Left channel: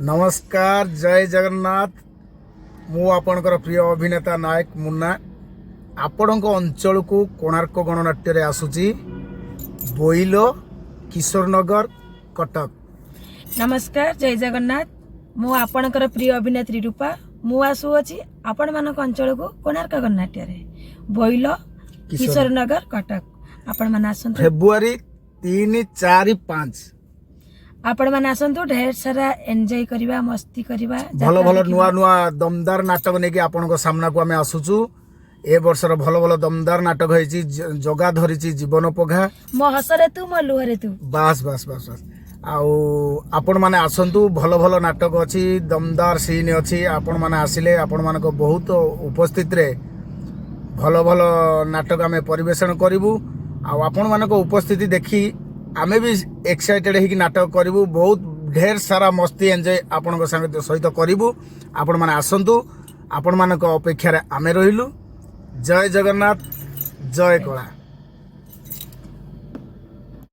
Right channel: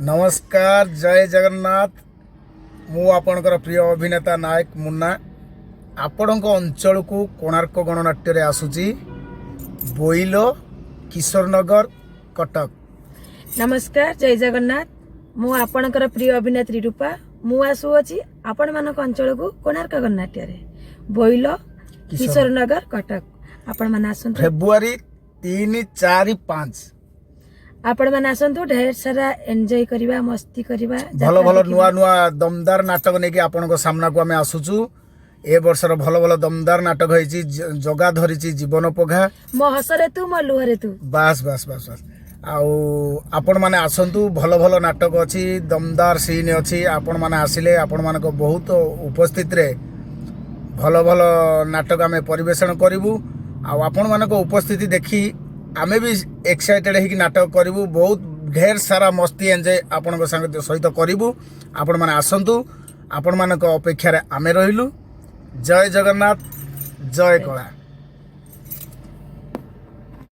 नमस्कार जय जगन्नाथ मु आपणकर प्रिय अभिनेता नायक मुन्ना आपण अंचल को कोणार्क गणनाट्य रे आसुची बोइल किशोरनगर कटक। नमस्कार जय जगन्नाथ मु आपणकर प्रिय अभिनेत्री रूपा मु आसु अछि आपण मानक अंचल को कोणार्क गणनाट्य रे बोइल किशोरनगर कटक। आपण माने आसंतु फेब्रुआरी 3, 4, 5 आपण माने आसंतु ढेर सारा एन्जॉय करिवा मस्ती करिवा भलो भलो नुआ नुआ दमदार नाटक नेकी आपनको सामना को आमे आसुचु। ए वर्षर भलो भलो दमदार नाटक होईची जगा धरिची जीवन पघा मो हसरे तू मो लुहरे तू बास बास बास बास आउ आपण माने आसंतु भलो भलो नाटक अछि दमदार सीन अछि आपण माने आसिले आपण मानको बहुत उपस्थित रे भलो भलो नाटक आमे परिवेषण करिवु। आउ आपण मानको उपस्थिति देखि आमे भी एक्साइटेड है कि नाटक करिवु बहुत ढेर सारा मस्ती एंजॉय आपण सहित करिवु। आपण माने आसंतु आपण मानक अपेक्षा रे आमे रहिलु। जय जगन्नाथ जय कला।